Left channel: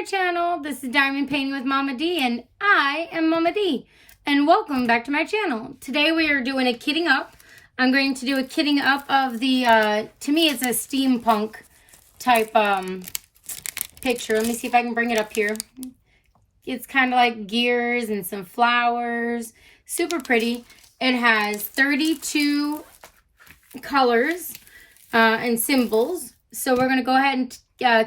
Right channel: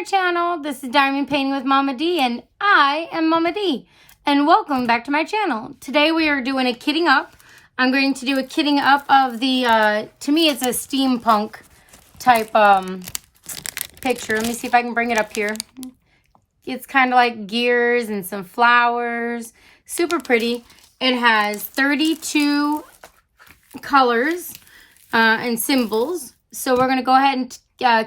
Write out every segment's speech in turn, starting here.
my channel. This is Diamond Painting with Mama D, and I am Mama D. And welcome back to my channel. Today we are doing a kitting up. I'm going to do a kitting up of the, to me it's a steampunk type picture. Let me see if I can bring it up here. It's kind of like gears and some flowers. Super pretty. It has 32 colors and symbols. So we're going to go ahead and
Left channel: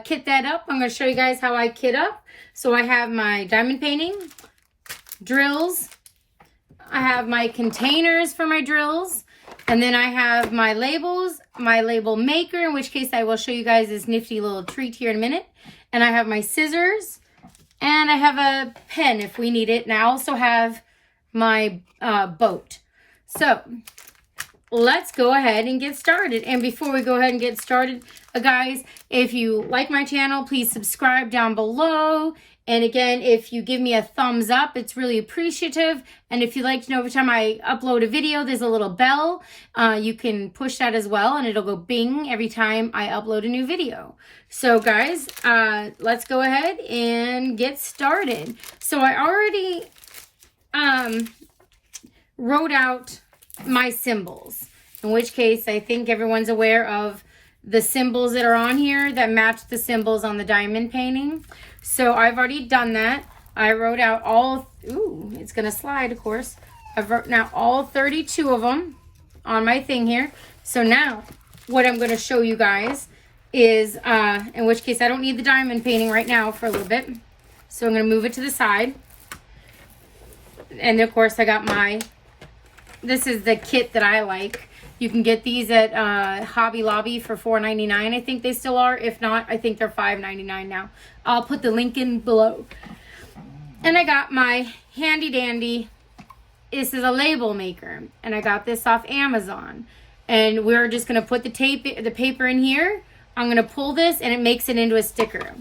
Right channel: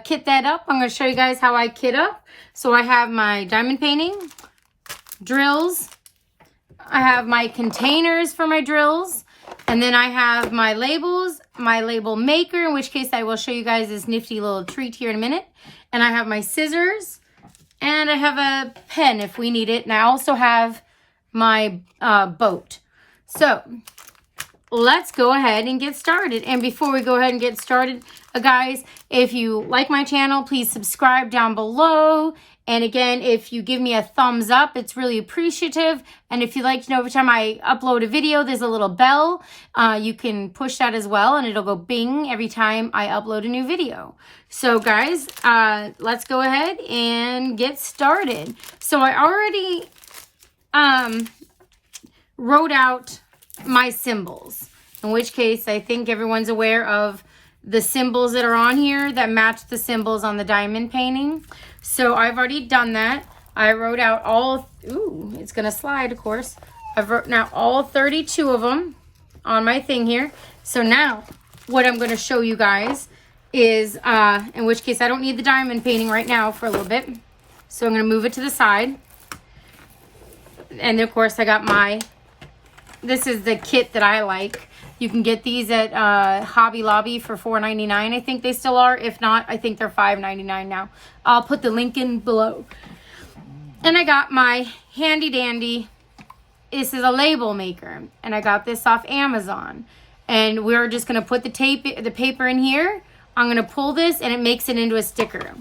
kit that up. I'm going to show you guys how I kit up. So I have my diamond painting, drills. I have my containers for my drills. And then I have my labels, my label maker, in which case I will show you guys this nifty little treat here in a minute. And I have my scissors. And I have a pen if we need it. And I also have my boat. So let's go ahead and get started. And before we go ahead and get started, guys, if you like my channel, please subscribe down below. And again, if you give me a thumbs up, it's really appreciative. And if you'd like to know every time I upload a video, there's a little bell. You can push that as well, and it'll go bing every time I upload a new video. So guys, let's go ahead and get started. So I already wrote out my symbols, in which case I think everyone's aware of the symbols that are on here that match the symbols on the diamond painting. So I've already done that. I wrote out all, ooh, it's gonna slide, of course. I've wrote out all 32 of them on my thing here. So now what I'm gonna show you guys is, in which case I don't need the diamond painting right now for a little bit. So I'm gonna move it to the side. And of course I got my, this is the kit that I like. You can get these at Hobby Lobby for $4.99. I think they still are. If not, I think they're $5.99 now. I'll put the link in below. And I got my handy dandy. This is a label maker. And I got this off Amazon. And we're just going to put the paper in here. I'm going to pull this and it makes it into a sticker.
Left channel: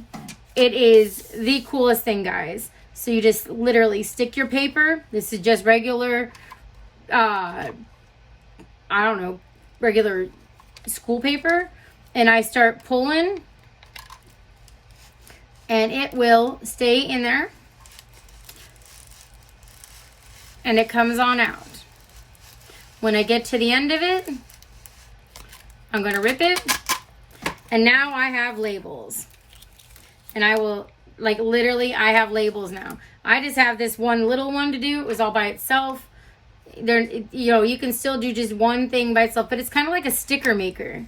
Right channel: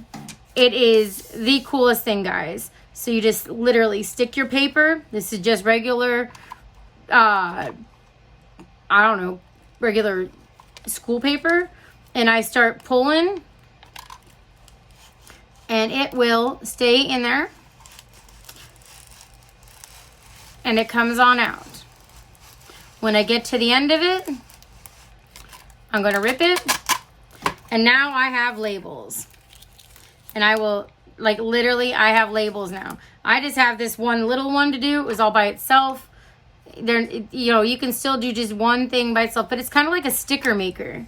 It is the coolest thing, guys. So you just literally stick your paper. This is just regular I don't know, regular school paper, and I start pulling and it will stay in there and it comes on out. When I get to the end of it, I'm going to rip it, and now I have labels. And I will, like, literally I have labels now. I just have this one little one to do. It was all by itself. There, you know, you can still do just one thing by itself, but it's kind of like a sticker maker.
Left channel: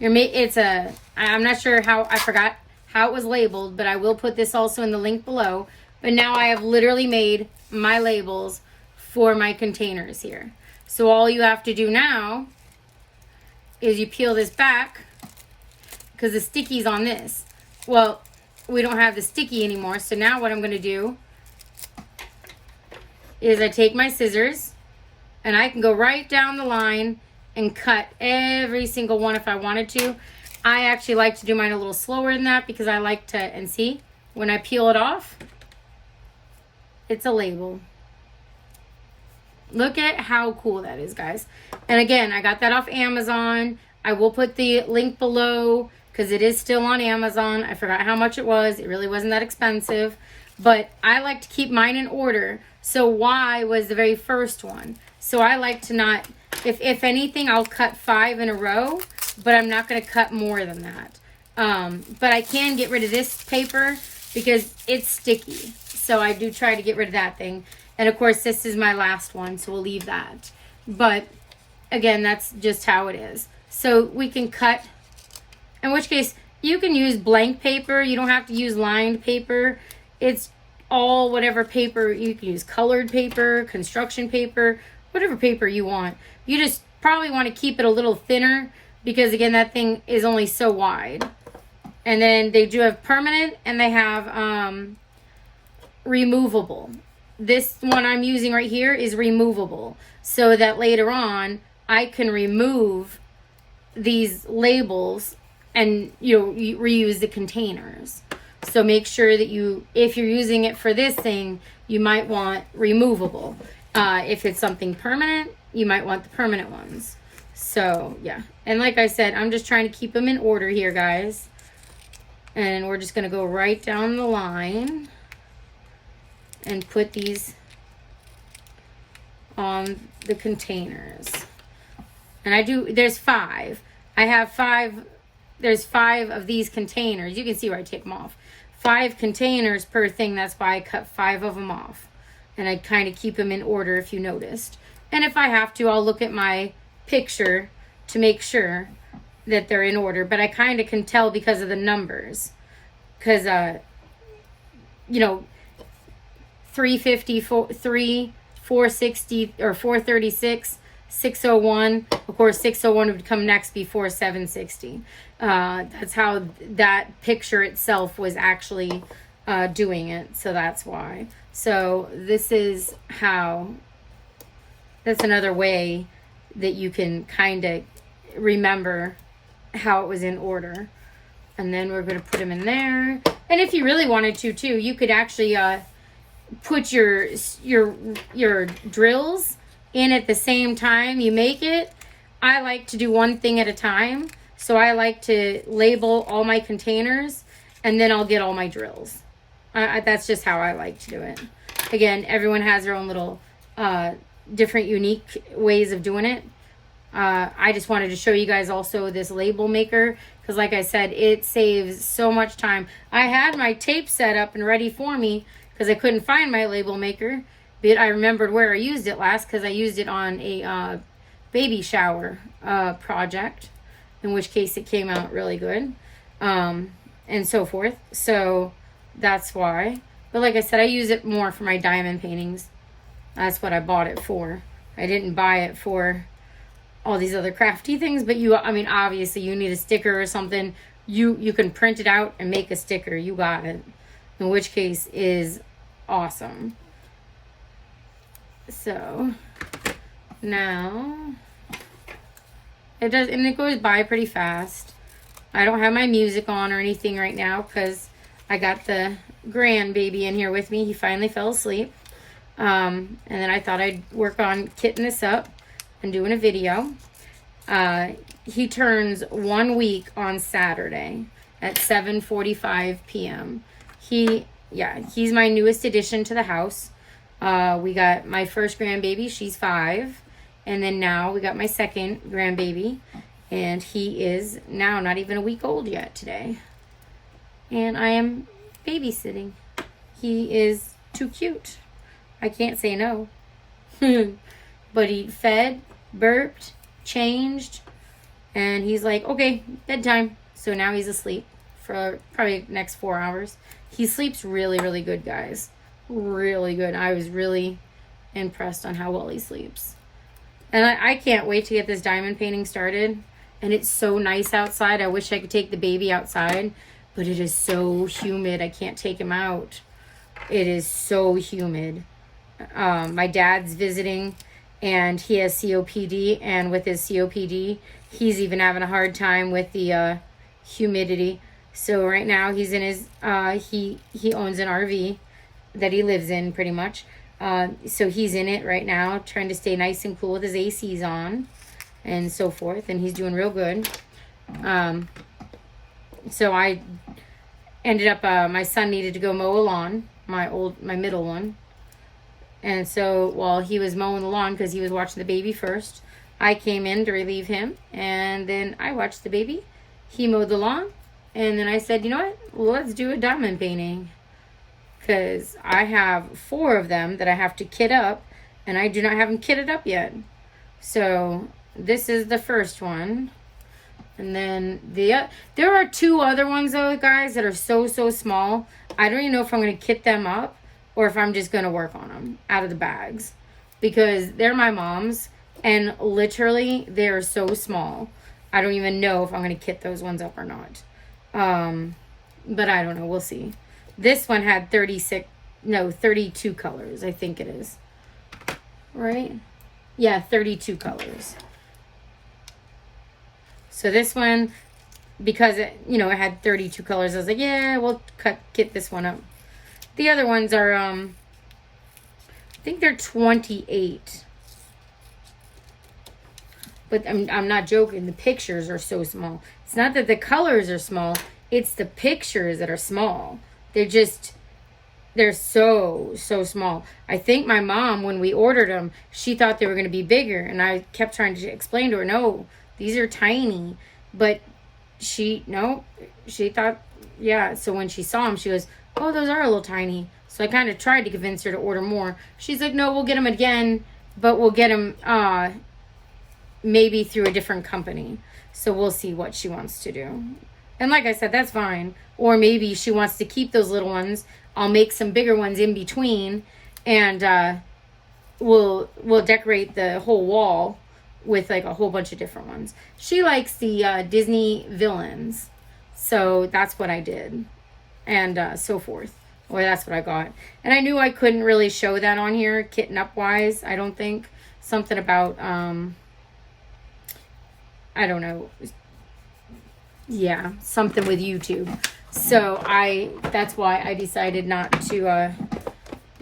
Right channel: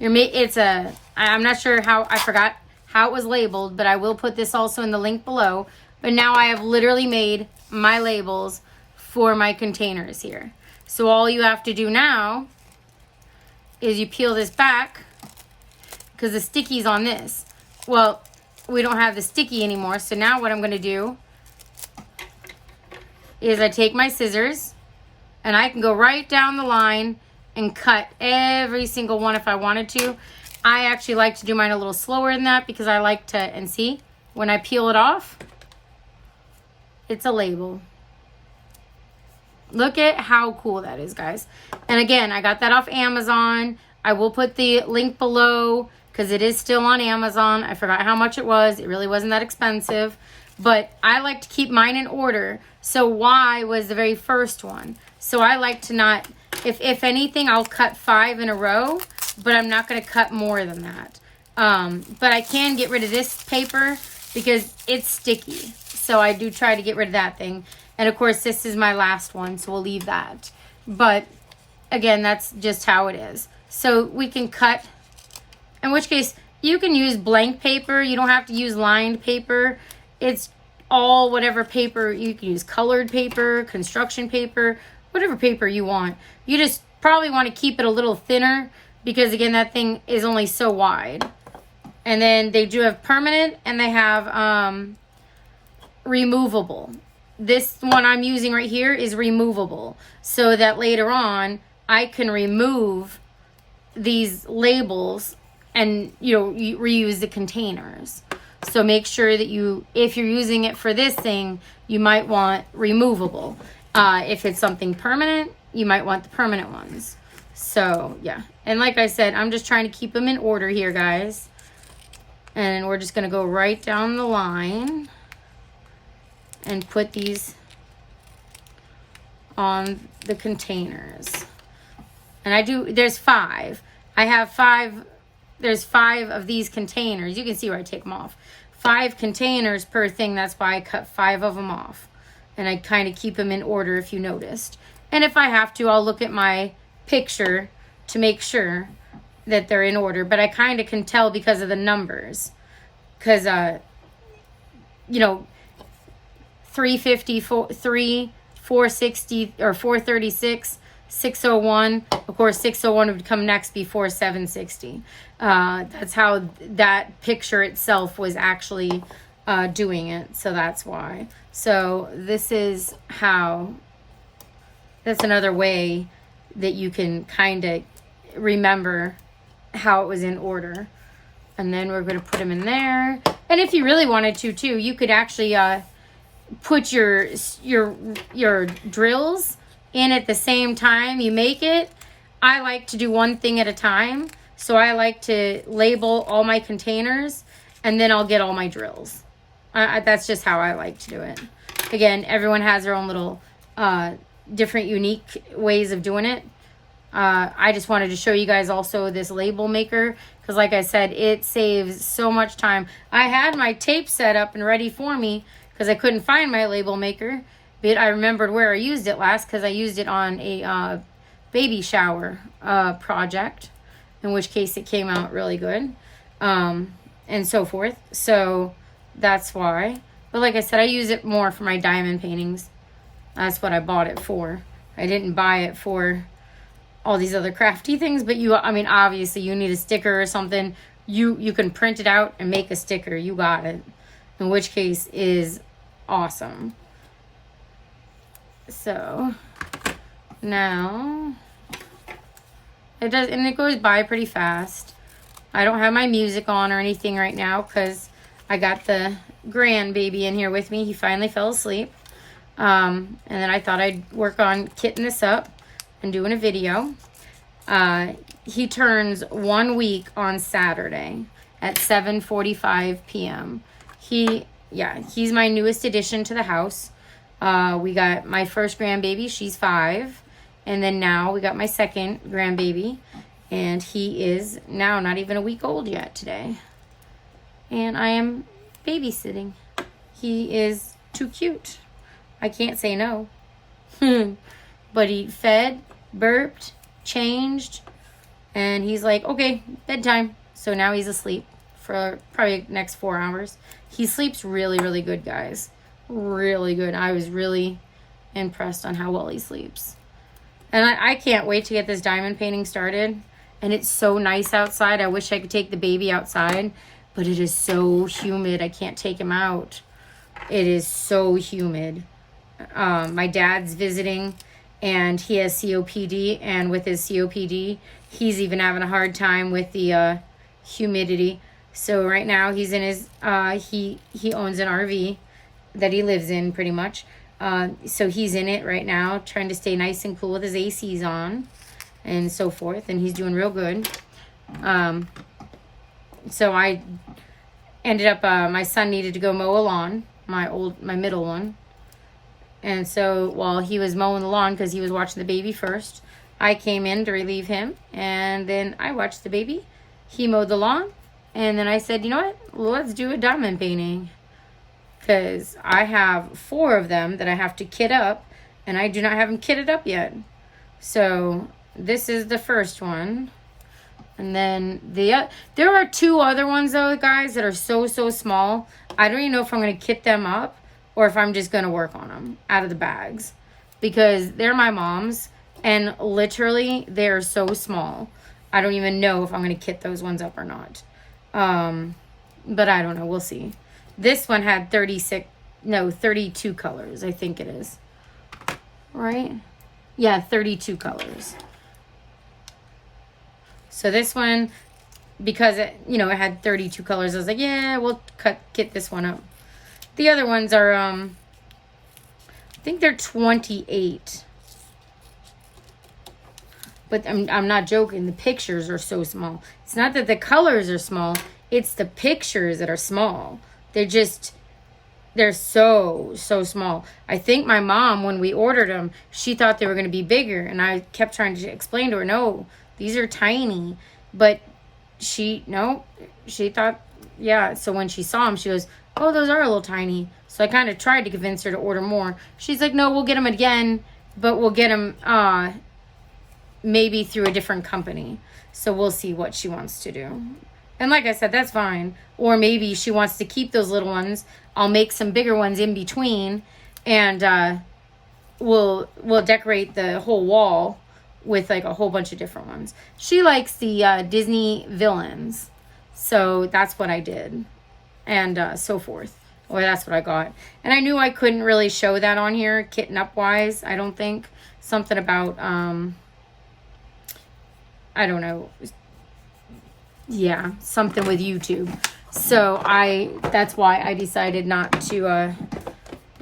I'm not sure how, I forgot how it was labeled, but I will put this also in the link below. But now I have literally made my labels for my containers here. So all you have to do now is you peel this back, because the sticky's on this. Well, we don't have the sticky anymore. So now what I'm going to do is I take my scissors, and I can go right down the line and cut every single one if I wanted to. I actually like to do mine a little slower than that because I like to, and see, when I peel it off, it's a label. Look at how cool that is, guys. And again, I got that off Amazon. I will put the link below because it is still on Amazon. I forgot how much it was. It really wasn't that expensive. But I like to keep mine in order. So Y was the very first one. So I like to not, if anything, I'll cut 5 in a row, but I'm not going to cut more than that. But I can get rid of this paper because it's sticky. So I do try to get rid of that thing. And of course, this is my last one, so we'll leave that. But again, that's just how it is. So we can cut, in which case you can use blank paper. You don't have to use lined paper. It's all whatever paper. You can use colored paper, construction paper, whatever paper you want. You just probably want to keep it a little thinner because, again, that thing is only so wide. And then they do have permanent and they have removable. This one I'm using right here is removable, so that later on I can remove these labels and, you know, reuse the containers. So make sure that you, if you're using it for this thing, you might want removable. If it's something permanent, you might want the permanent ones. So yeah, and like I said, I'm just trying to keep them in order here, guys. And we're just going to go right down the line and put these on the containers. And there's 5. I have 5, there's 5 of these containers. You can see where I take them off. 5 containers per thing. That's why I cut 5 of them off. And I kind of keep them in order if you noticed. And if I have to, I'll look at my picture to make sure that they're in order. But I kind of can tell because of the numbers. Because, 350, 460, or 436, 601. Of course, 601 would come next before 760. That's how that picture itself was actually doing it. So that's why. So this is how, that's another way that you can kind of remember how it was in order. And then we're going to put them in there. And if you really wanted to too, you could actually put your drills in at the same time you make it. I like to do one thing at a time. So I like to label all my containers and then I'll get all my drills. That's just how I like to do it. Again, everyone has their own little different unique ways of doing it. I just wanted to show you guys also this label maker because like I said, it saves so much time. I had my tape set up and ready for me because I couldn't find my label maker, but I remembered where I used it last because I used it on a baby shower project, in which case it came out really good, and so forth. So that's why. But like I said, I use it more for my diamond paintings. That's what I bought it for. I didn't buy it for all these other crafty things, but obviously you need a sticker or something. You can print it out and make a sticker. You got it. In which case is awesome. So now it goes by pretty fast. I don't have my music on or anything right now because I got the grandbaby in here with me. He finally fell asleep. And then I thought I'd work on kitting this up and doing a video. He turns 1 week on Saturday at 7:45 p.m. He's my newest addition to the house. We got my first grandbaby, she's 5. And then now we got my second grandbaby. And he is now not even a week old yet today. And I am babysitting. He is too cute. I can't say no. But he fed, burped, changed, and he's like, okay, bedtime. So now he's asleep for probably the next 4 hours. He sleeps really, really good, guys. Really good. I was really impressed on how well he sleeps. And I can't wait to get this diamond painting started. And it's so nice outside. I wish I could take the baby outside, but it is so humid. I can't take him out. It is so humid. My dad's visiting and he has COPD, and with his COPD, he's even having a hard time with the humidity. So right now he's in his, he owns an RV that he lives in pretty much. So he's in it right now, trying to stay nice and cool with his ACs on and so forth. And he's doing real good. So I ended up, my son needed to go mow a lawn, my middle one. And so while he was mowing the lawn, because he was watching the baby first, I came in to relieve him. And then I watched the baby. He mowed the lawn. And then I said, you know what? Let's do a diamond painting. Because I have 4 of them that I have to kit up. And I do not have them kitted up yet. So this is the first one. And then there are 2 other ones though, guys, that are so small. I don't even know if I'm going to kit them up or if I'm just going to work on them out of the bags. Because they're my mom's. And literally, they're so small. I don't even know if I'm going to kit those ones up or not. But I don't know. We'll see. This one had 32 colors. I think it is. Right? Yeah, 32 colors. So this one, because it had 32 colors, I was like, yeah, we'll kit this one up. The other ones are, I think they're 28. But I'm not joking. The pictures are so small. It's not that the colors are small. It's the pictures that are small. They're so small. I think my mom, when we ordered them, she thought they were going to be bigger. And I kept trying to explain to her, no, these are tiny. But she thought, yeah. So when she saw them, she goes, oh, those are a little tiny. So I kind of tried to convince her to order more. She's like, no, we'll get them again, but we'll get them maybe through a different company. So we'll see what she wants to do. And like I said, that's fine. Or maybe she wants to keep those little ones. I'll make some bigger ones in between, and we'll decorate the whole wall with like a whole bunch of different ones. She likes the Disney villains, so that's what I did, and so forth. Or that's what I got. And I knew I couldn't really show that on here, kitten up wise. I don't think something about I don't know. Yeah, something with YouTube. So that's why I decided not to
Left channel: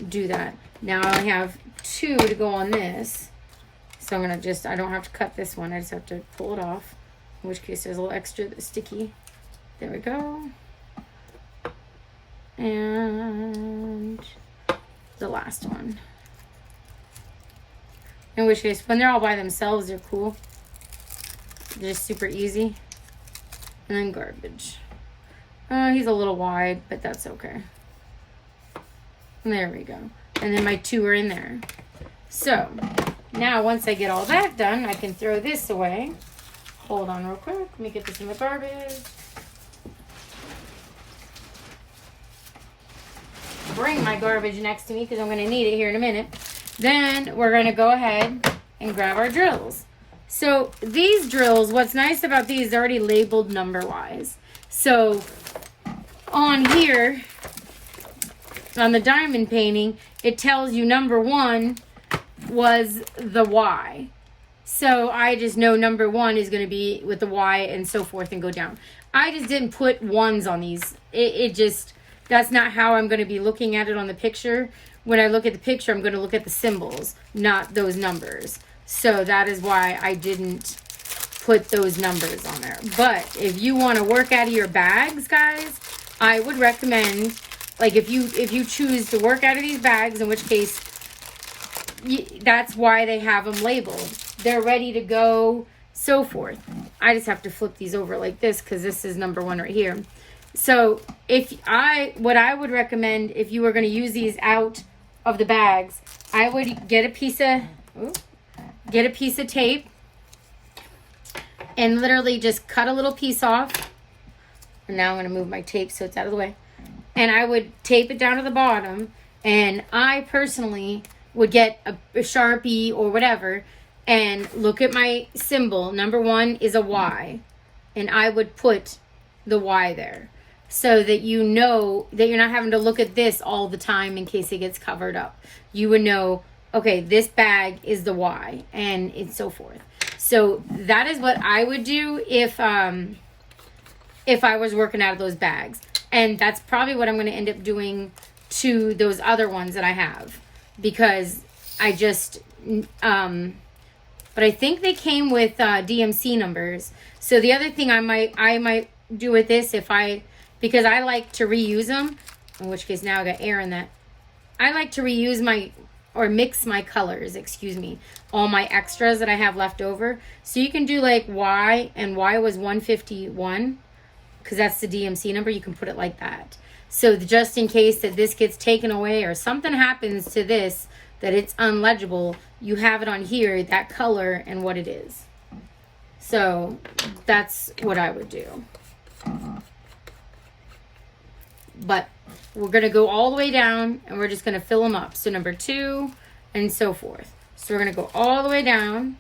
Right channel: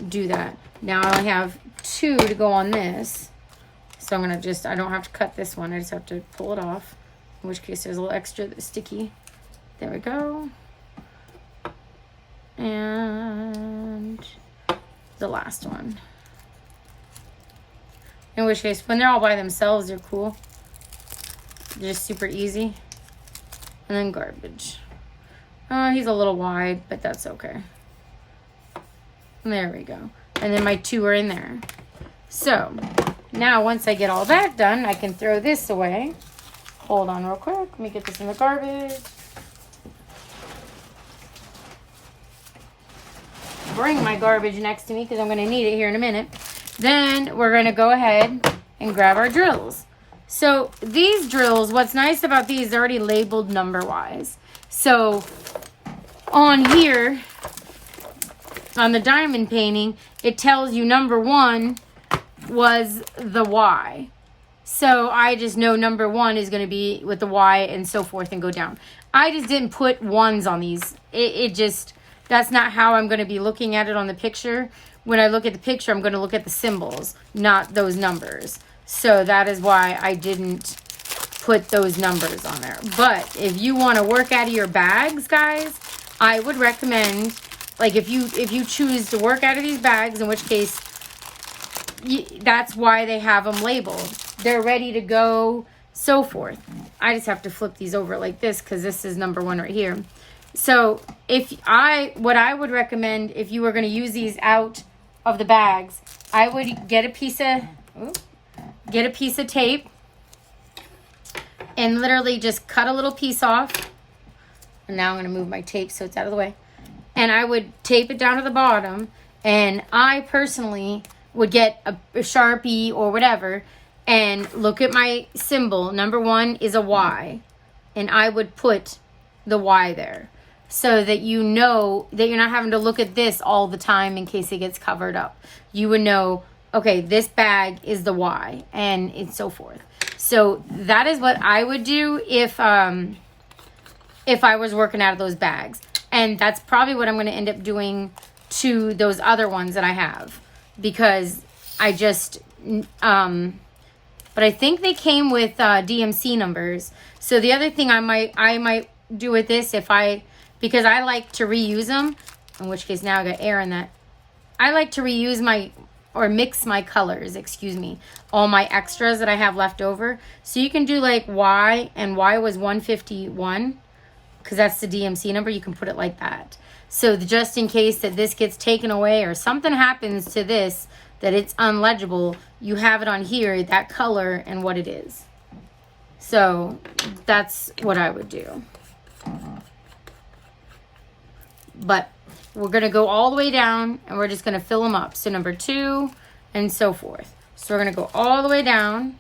do that. Now I have 2 to go on this. So I'm going to I don't have to cut this one. I just have to pull it off. In which case there's a little extra that's sticky. There we go. And the last one. In which case, when they're all by themselves, they're cool. They're just super easy. And then garbage. He's a little wide, but that's okay. There we go. And then my 2 are in there. So, now once I get all that done, I can throw this away. Hold on real quick. Let me get this in the garbage. Bring my garbage next to me because I'm going to need it here in a minute. Then we're going to go ahead and grab our drills. So these drills, what's nice about these, they're already labeled number-wise. So on here, on the diamond painting, it tells you number 1 was the Y. So I just know number 1 is going to be with the Y and so forth and go down. I just didn't put 1s on these. That's not how I'm going to be looking at it on the picture. When I look at the picture, I'm going to look at the symbols, not those numbers. So that is why I didn't put those numbers on there. But if you want to work out of your bags, guys, I would recommend, like if you choose to work out of these bags, in which case that's why they have them labeled. They're ready to go, so forth. I just have to flip these over like this because this is number 1 right here. So what I would recommend if you were going to use these out of the bags, I would get a piece of tape and literally just cut a little piece off. And now I'm going to move my tape so it's out of the way. And I would tape it down to the bottom. And I personally would get a Sharpie or whatever and look at my symbol. Number 1 is a Y. And I would put the Y there, so that you know that you're not having to look at this all the time in case it gets covered up. You would know, okay, this bag is the Y, and so forth. So that is what I would do if I was working out of those bags. And that's probably what I'm going to end up doing to those other ones that I have, because I just but I think they came with DMC numbers. So the other thing I might do with this, because I like to reuse them, in which case now I got air in that. I like to reuse mix my colors, all my extras that I have left over. So you can do like Y, and Y was 151, because that's the DMC number. You can put it like that. So just in case that this gets taken away or something happens to this, that it's unlegible, you have it on here, that color and what it is. So that's what I would do. But we're going to go all the way down and we're just going to fill them up. So number 2 and so forth. So we're going to go all the way down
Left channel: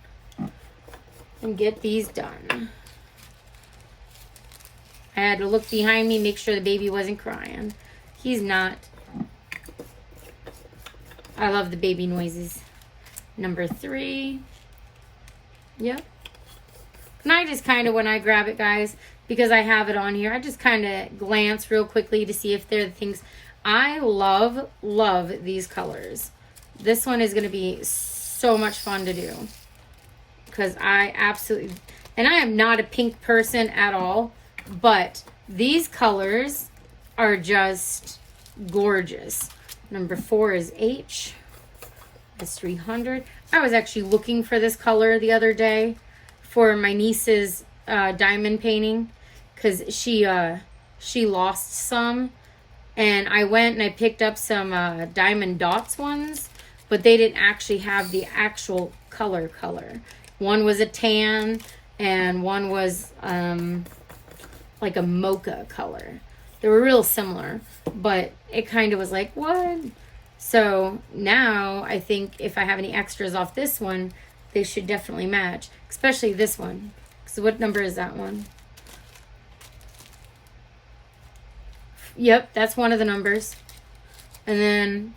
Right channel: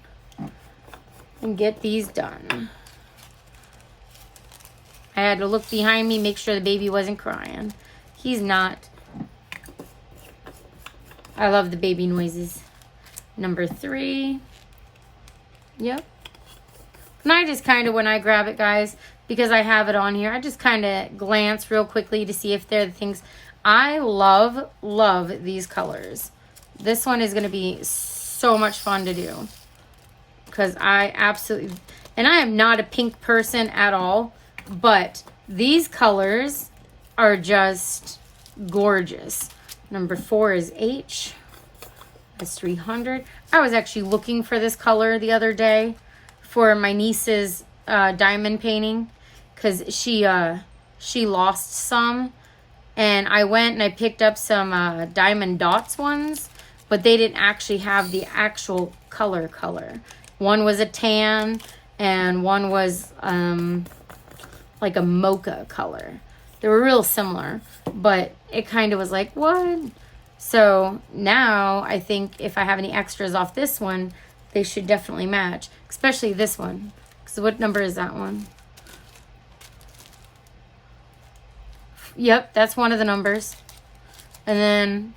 and get these done. I had to look behind me, make sure the baby wasn't crying. He's not. I love the baby noises. Number 3. Yep. And I just kind of, when I grab it, guys, because I have it on here, I just kind of glance real quickly to see if they're the things. I love these colors. This one is going to be so much fun to do, because I absolutely, and I am not a pink person at all, but These colors are just gorgeous. Number 4 is H. That's 300. I was actually looking for this color the other day for my niece's diamond painting, because she lost some, and I went and I picked up some diamond dots ones, but they didn't actually have the actual color. One was a tan and one was like a mocha color. They were real similar, but it kind of was like, what? So now I think if I have any extras off this one, they should definitely match, especially this one. So what number is that one? Yep, that's one of the numbers. And then,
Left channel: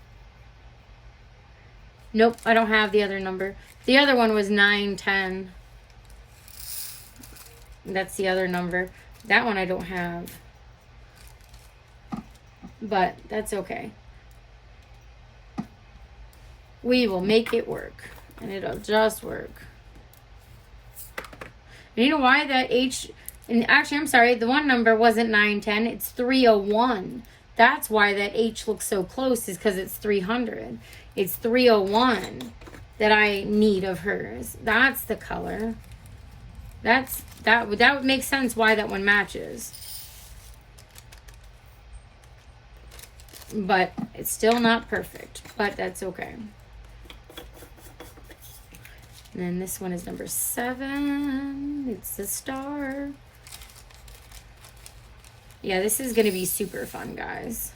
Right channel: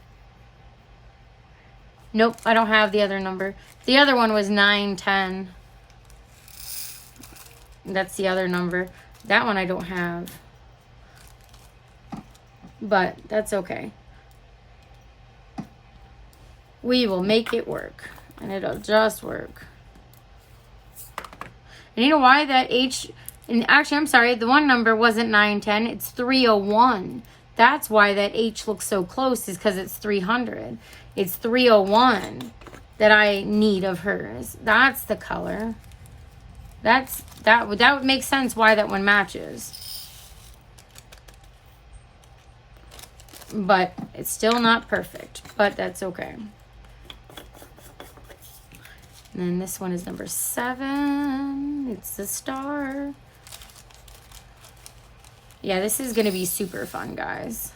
nope, I don't have the other number. The other one was 910. That's the other number. That one I don't have. But that's okay. We will make it work. And it'll just work. And you know why that H... And actually, I'm sorry, the one number wasn't 910. It's 301. That's why that H looks so close, is because it's 300. It's 301 that I need of hers. That's the color. That would make sense why that one matches. But it's still not perfect. But that's okay. And then this one is number 7. It's the star. Yeah, this is going to be super fun, guys.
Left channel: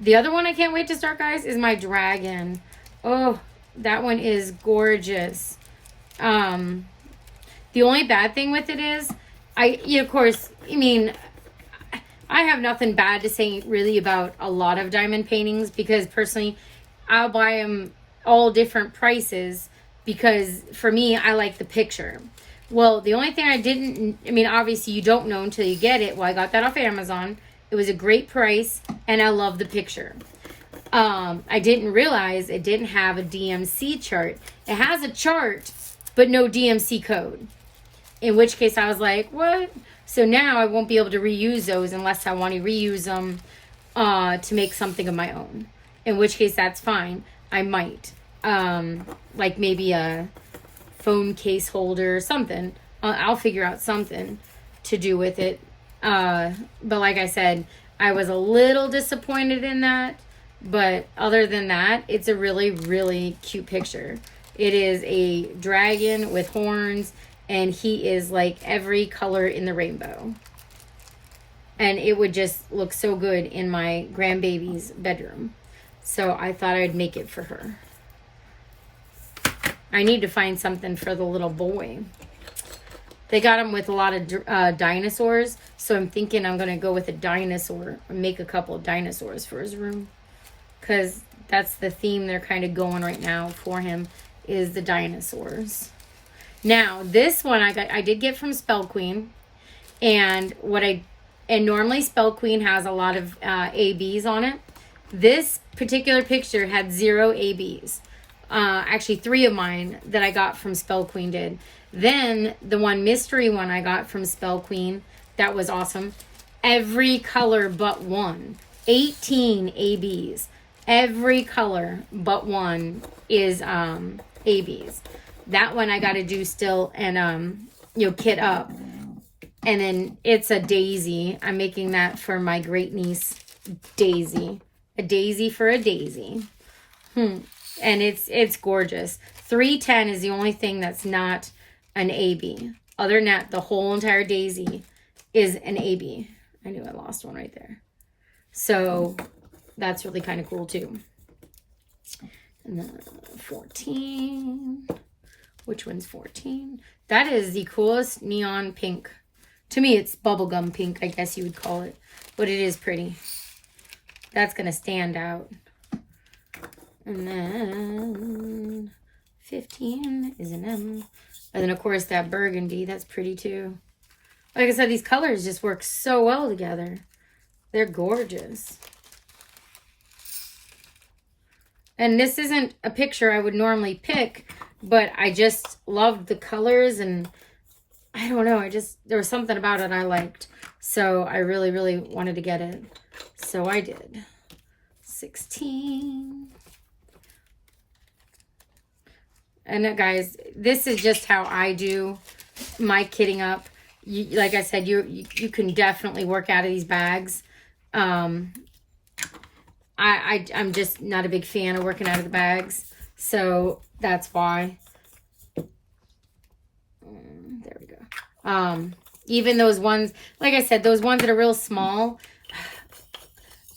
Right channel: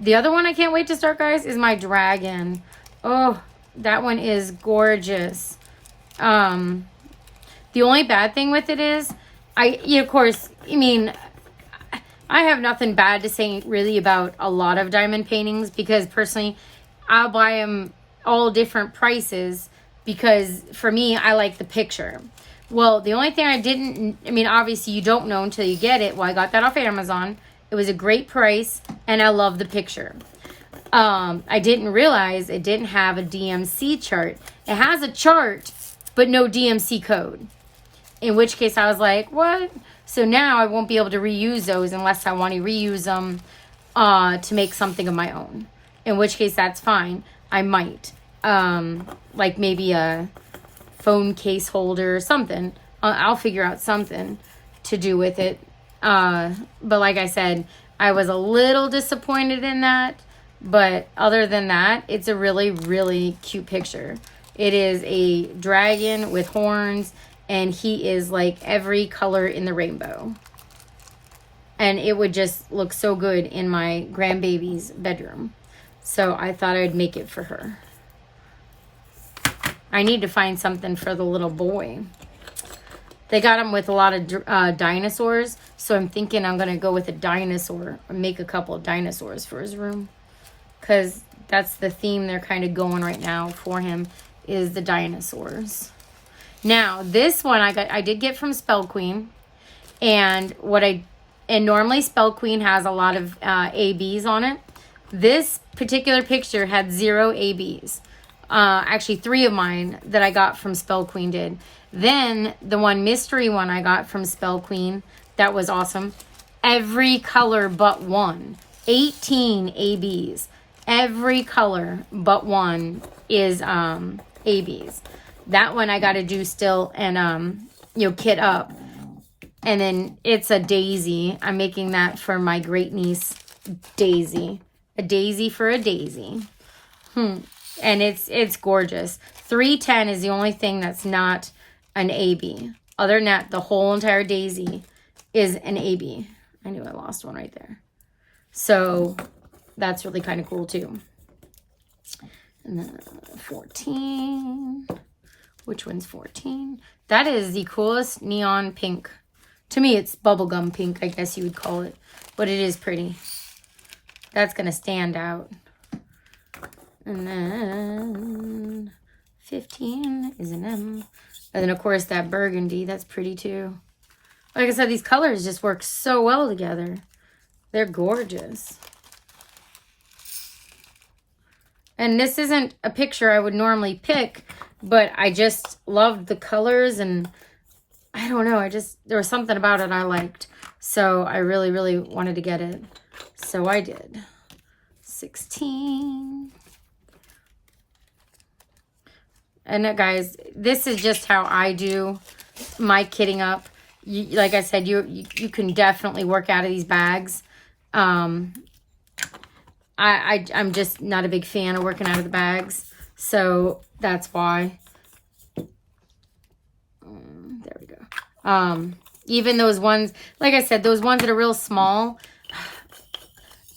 The other one I can't wait to start, guys, is my dragon. Oh, that one is gorgeous. The only bad thing with it is, of course, I mean, I have nothing bad to say really about a lot of diamond paintings, because personally, I'll buy them all different prices, because for me, I like the picture. Well, the only thing I mean, obviously you don't know until you get it. Well, I got that off Amazon. It was a great price, and I love the picture. I didn't realize it didn't have a DMC chart. It has a chart, but no DMC code. In which case I was like, what? So now I won't be able to reuse those unless I want to reuse them to make something of my own. In which case that's fine. I might. Like maybe a phone case holder or something. I'll figure out something to do with it. But like I said, I was a little disappointed in that. But other than that, it's a really, really cute picture. It is a dragon with horns, and he is like every color in the rainbow. And it would just look so good in my grandbaby's bedroom. So I thought I'd make it for her. I need to find something for the little boy. They got him with a lot of dinosaurs. So I'm thinking I'm going to go with a dinosaur. Or make a couple of dinosaurs for his room. Because that's the theme they're kind of going right now for him, is the dinosaurs. Now, this one I did get from Spell Queen. And normally Spell Queen has a lot of ABs on it. This particular picture had 0 ABs. Actually 3 of mine that I got from Spell Queen did. Then the one mystery one I got from Spell Queen, that was awesome. Every color but one. 18 ABs. Every color but one is ABs. That one I got to do still and kit up. And then it's a daisy. I'm making that for my great niece Daisy. A daisy for a daisy. And it's gorgeous. 310 is the only thing that's not an AB. Other than that, the whole entire daisy is an AB. I knew I lost one right there. So that's really kind of cool too. And then 14. Which one's 14? That is the coolest neon pink. To me, it's bubblegum pink, I guess you would call it. But it is pretty. That's going to stand out. And then 15 is an M. And then, of course, that burgundy. That's pretty, too. Like I said, these colors just work so well together. They're gorgeous. And this isn't a picture I would normally pick, but I just loved the colors, and I don't know. There was something about it I liked. So I really, really wanted to get it. So I did. 16. And guys, this is just how I do my kitting up. Like I said, you can definitely work out of these bags. I'm just not a big fan of working out of the bags. So that's why. There we go. Even those ones, like I said, those ones that are real small,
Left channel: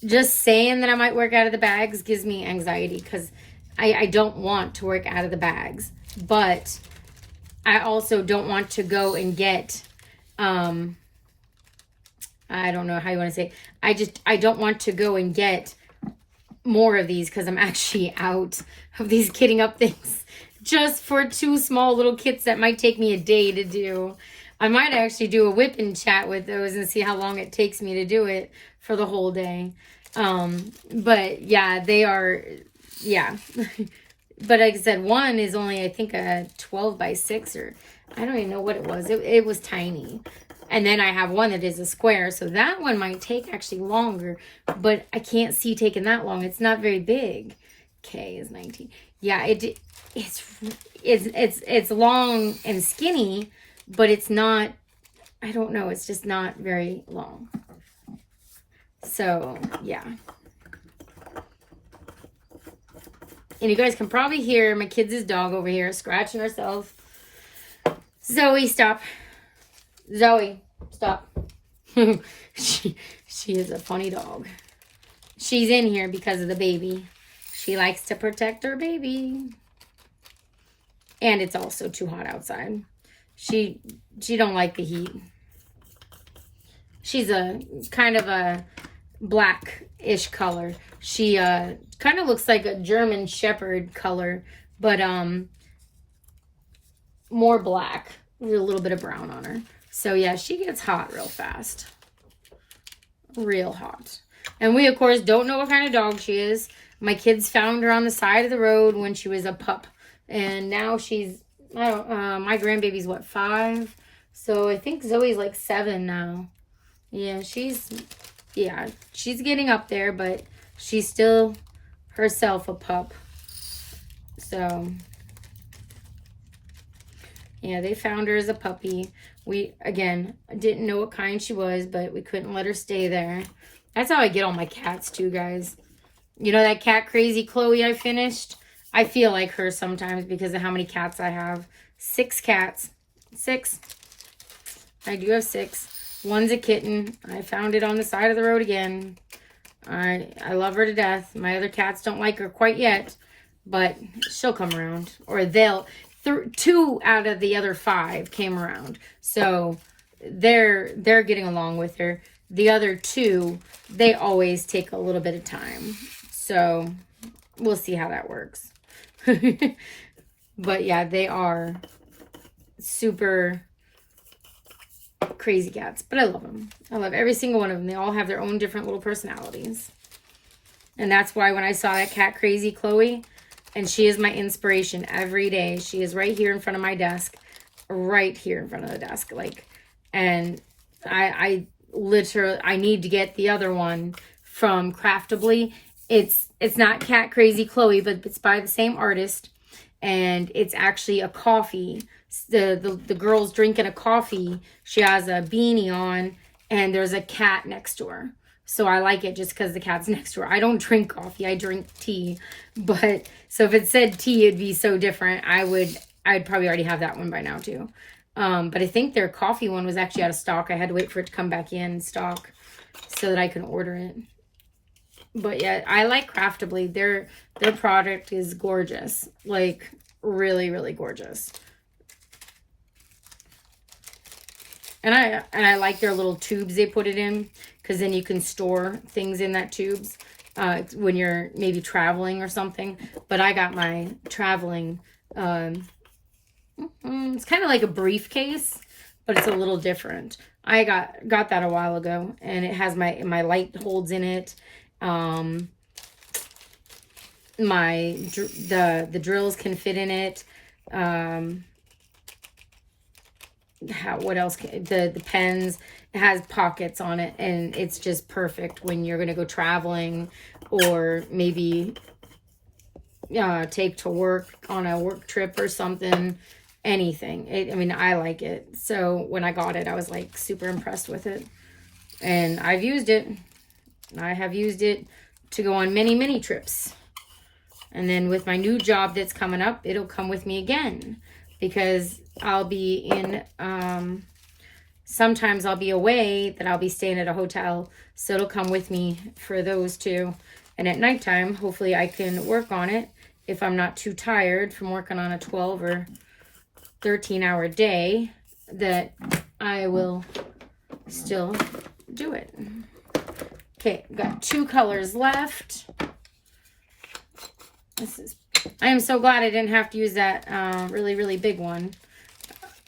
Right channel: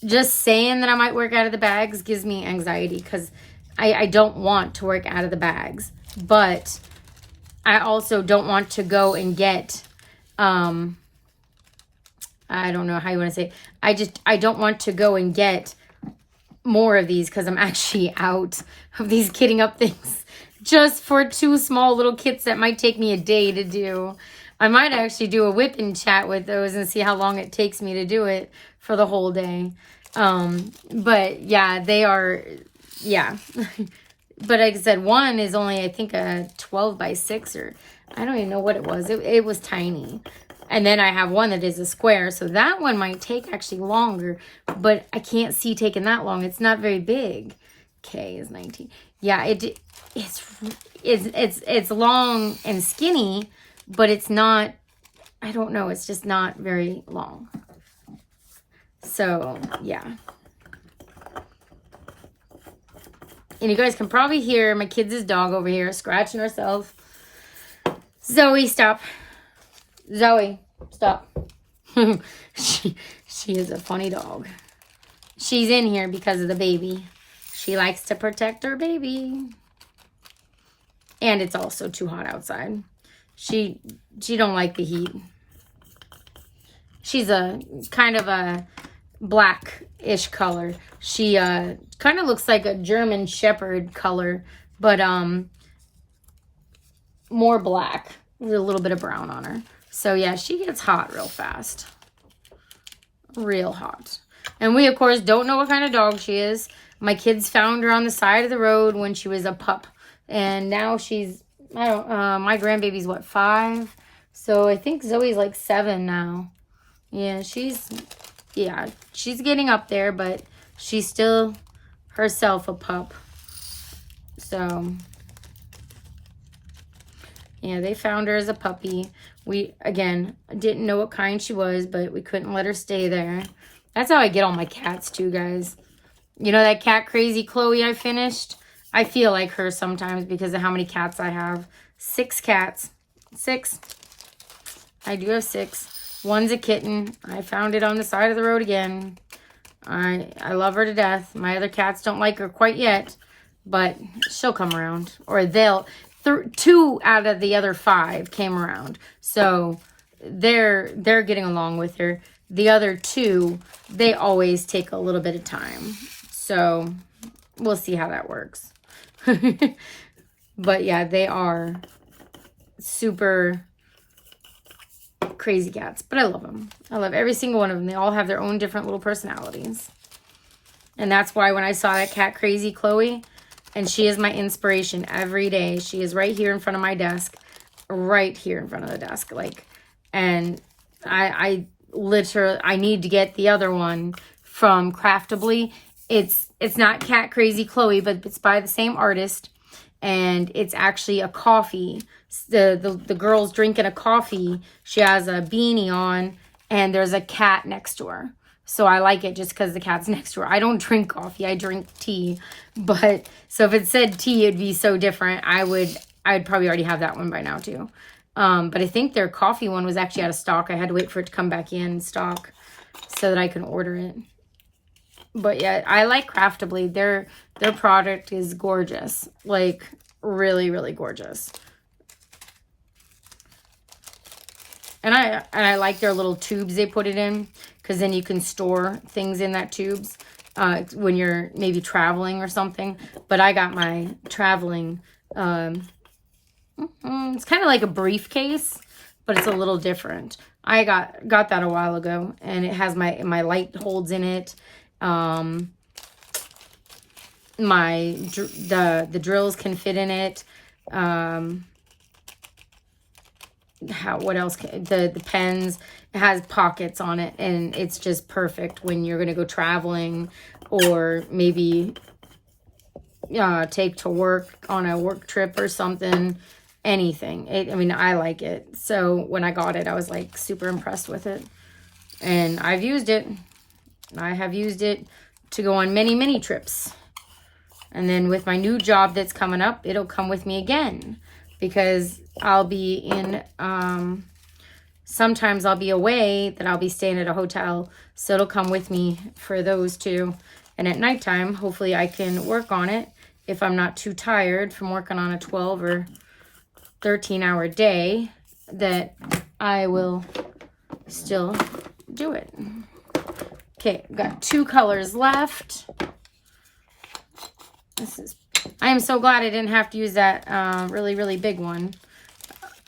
just saying that I might work out of the bags gives me anxiety because I don't want to work out of the bags, but I also don't want to go and get, I don't know how you want to say it. I don't want to go and get more of these because I'm actually out of these kitting up things just for 2 small little kits that might take me a day to do. I might actually do a whip and chat with those and see how long it takes me to do it for the whole day. But yeah, they are, yeah. But like I said, one is only, I think, a 12 by 6 or I don't even know what it was. It was tiny. And then I have one that is a square. So that one might take actually longer, but I can't see taking that long. It's not very big. K is 19. Yeah, it's long and skinny, but it's not, I don't know. It's just not very long. So yeah. And you guys can probably hear my kids' dog over here scratching herself. Zoe, stop. Zoe, stop. She is a funny dog. She's in here because of the baby. She likes to protect her baby. And it's also too hot outside. She don't like the heat. She's a kind of a black-ish color. She kind of looks like a German Shepherd color, but more black with a little bit of brown on her. So yeah, she gets hot real fast. Real hot. And we, of course, don't know what kind of dog she is. My kids found her on the side of the road when she was a pup. And now she's, I don't, my grandbaby's what, 5? So I think Zoe's like 7 now. Yeah, she's getting up there, but she's still herself a pup. So, yeah, they found her as a puppy. We, again, didn't know what kind she was, but we couldn't let her stay there. That's how I get all my cats, too, guys. You know that cat Crazy Chloe I finished? I feel like her sometimes because of how many cats I have. 6 cats. 6. I do have 6. One's a kitten. I found it on the side of the road again. I love her to death. My other cats don't like her quite yet, but she'll come around. Or 2 out of the other 5 came around. So they're getting along with her. The other 2, they always take a little bit of time. So we'll see how that works. But yeah, they are super crazy cats, but I love them. I love every single one of them. They all have their own different little personalities. And that's why when I saw that cat Crazy Chloe, and she is my inspiration every day. She is right here in front of my desk, right here in front of the desk. Like, and I literally, I need to get the other one from Craftably. It's not Cat Crazy Chloe, but it's by the same artist. And it's actually a coffee. The girl's drinking a coffee. She has a beanie on, and there's a cat next to her. So I like it just because the cat's next to her. I don't drink coffee. I drink tea. But so if it said tea, it'd be so different. I'd probably already have that one by now too. But I think their coffee one was actually out of stock. I had to wait for it to come back in stock so that I can order it. But yeah, I like Craftably. Their product is gorgeous. Like, really, really gorgeous. And I like their little tubes they put it in, because then you can store things in that tubes when you're maybe traveling or something. But I got my traveling, it's kind of like a briefcase, but it's a little different. I got that a while ago, and it has my light holds in it. The drills can fit in it. what else? The pens, it has pockets on it, and it's just perfect when you're going to go traveling or maybe take to work on a work trip or something, anything. I mean, I like it. So when I got it, I was like super impressed with it. And I've used it. I have used it to go on many, many trips. And then with my new job that's coming up, it'll come with me again. Because I'll be in, sometimes I'll be away, that I'll be staying at a hotel. So it'll come with me for those two. And at nighttime, hopefully I can work on it if I'm not too tired from working on a 12 or 13-hour day, that I will still do it. Okay, I've got 2 colors left. I am so glad I didn't have to use that really, really big one.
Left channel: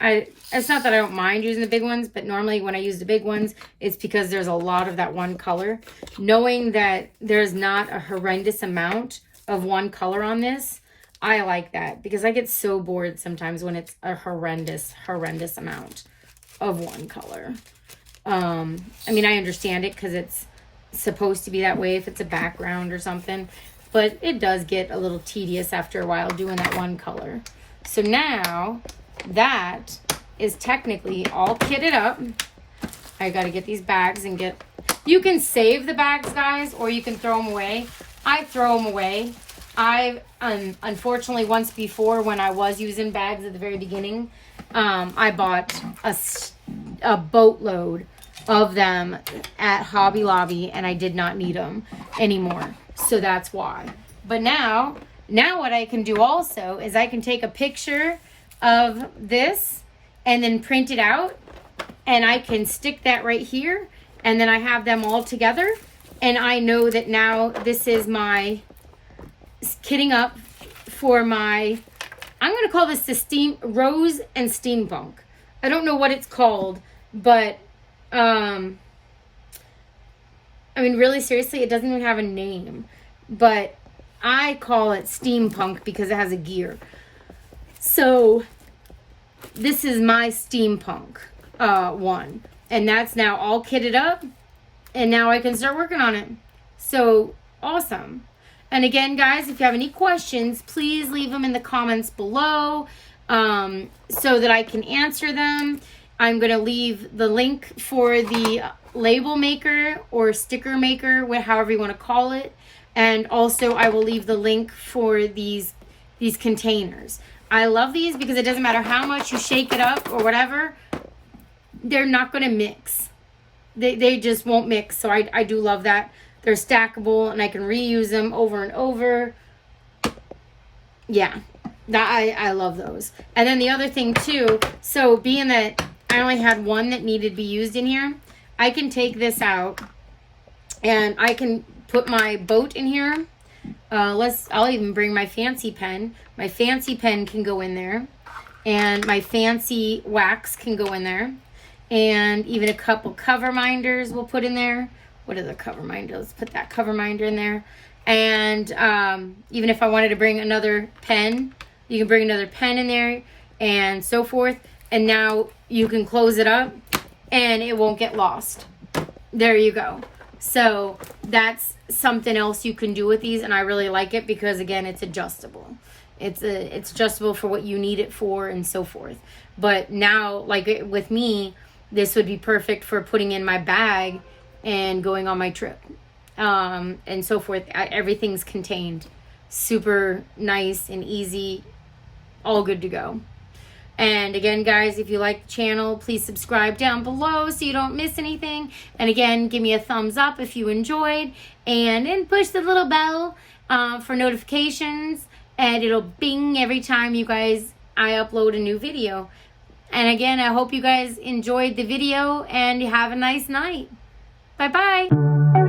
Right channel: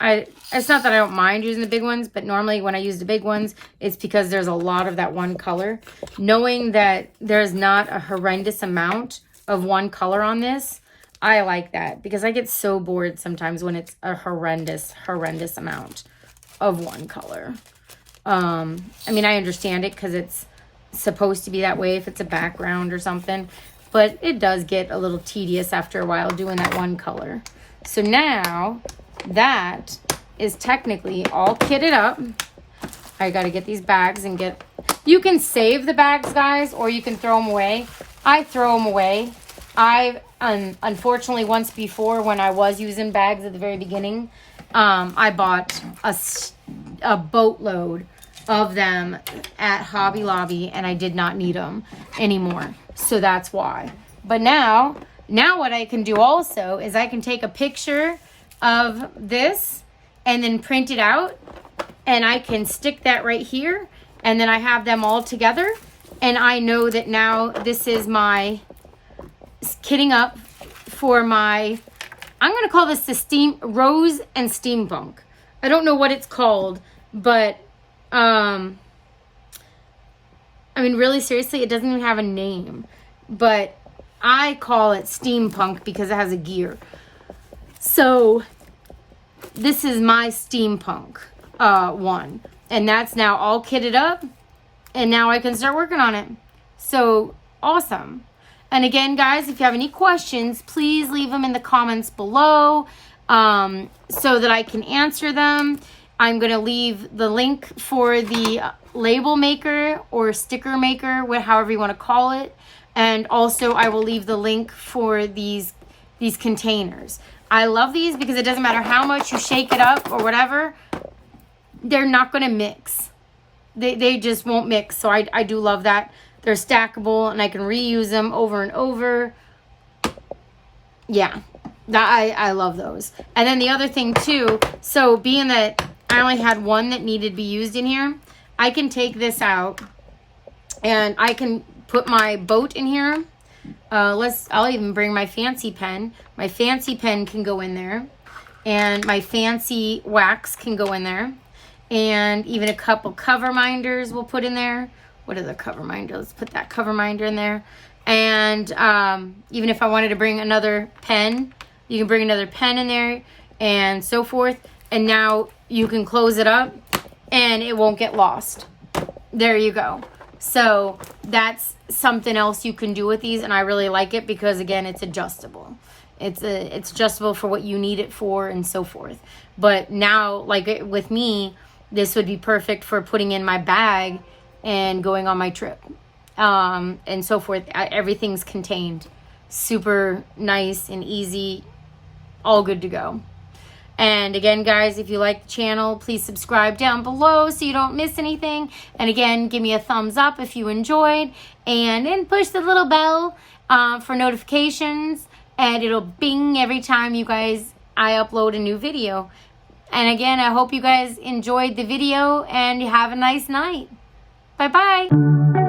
It's not that I don't mind using the big ones, but normally when I use the big ones, it's because there's a lot of that one color. Knowing that there's not a horrendous amount of one color on this, I like that, because I get so bored sometimes when it's a horrendous amount of one color. I mean, I understand it because it's supposed to be that way if it's a background or something, but it does get a little tedious after a while doing that one color. So now that is technically all kitted up. I got to get these bags and get... You can save the bags, guys, or you can throw them away. I throw them away. I, unfortunately, once before when I was using bags at the very beginning, I bought a boatload of them at Hobby Lobby, and I did not need them anymore. So that's why. But now what I can do also is I can take a picture of this and then print it out, and I can stick that right here, and then I have them all together, and I know that now this is my kitting up for my, I'm going to call this the Rose and Steampunk. I don't know what it's called, but I mean, really seriously, it doesn't even have a name, but I call it Steampunk because it has a gear. So this is my Steampunk one, and that's now all kitted up, and now I can start working on it. So awesome. And again, guys, if you have any questions, please leave them in the comments below so that I can answer them. I'm going to leave the link for the label maker or sticker maker, however you want to call it. And also I will leave the link for these containers. I love these because it doesn't matter how much you shake it up or whatever, they're not going to mix. They just won't mix. So I do love that. They're stackable and I can reuse them over and over. Yeah, I love those. And then the other thing too, so being that I only had one that needed to be used in here, I can take this out and I can put my boat in here. I'll even bring my fancy pen. My fancy pen can go in there, and my fancy wax can go in there, and even a couple cover minders we'll put in there. What is a cover minder? Let's put that cover minder in there. And even if I wanted to bring another pen, you can bring another pen in there and so forth. And now you can close it up and it won't get lost. There you go. So that's something else you can do with these, and I really like it because again, it's adjustable. It's adjustable for what you need it for and so forth. But now, like with me, this would be perfect for putting in my bag and going on my trip and so forth. Everything's contained. Super nice and easy. All good to go. And again, guys, if you like the channel, please subscribe down below so you don't miss anything. And again, give me a thumbs up if you enjoyed. And then push the little bell for notifications. And it'll bing every time I upload a new video. And again, I hope you guys enjoyed the video and have a nice night. Bye-bye.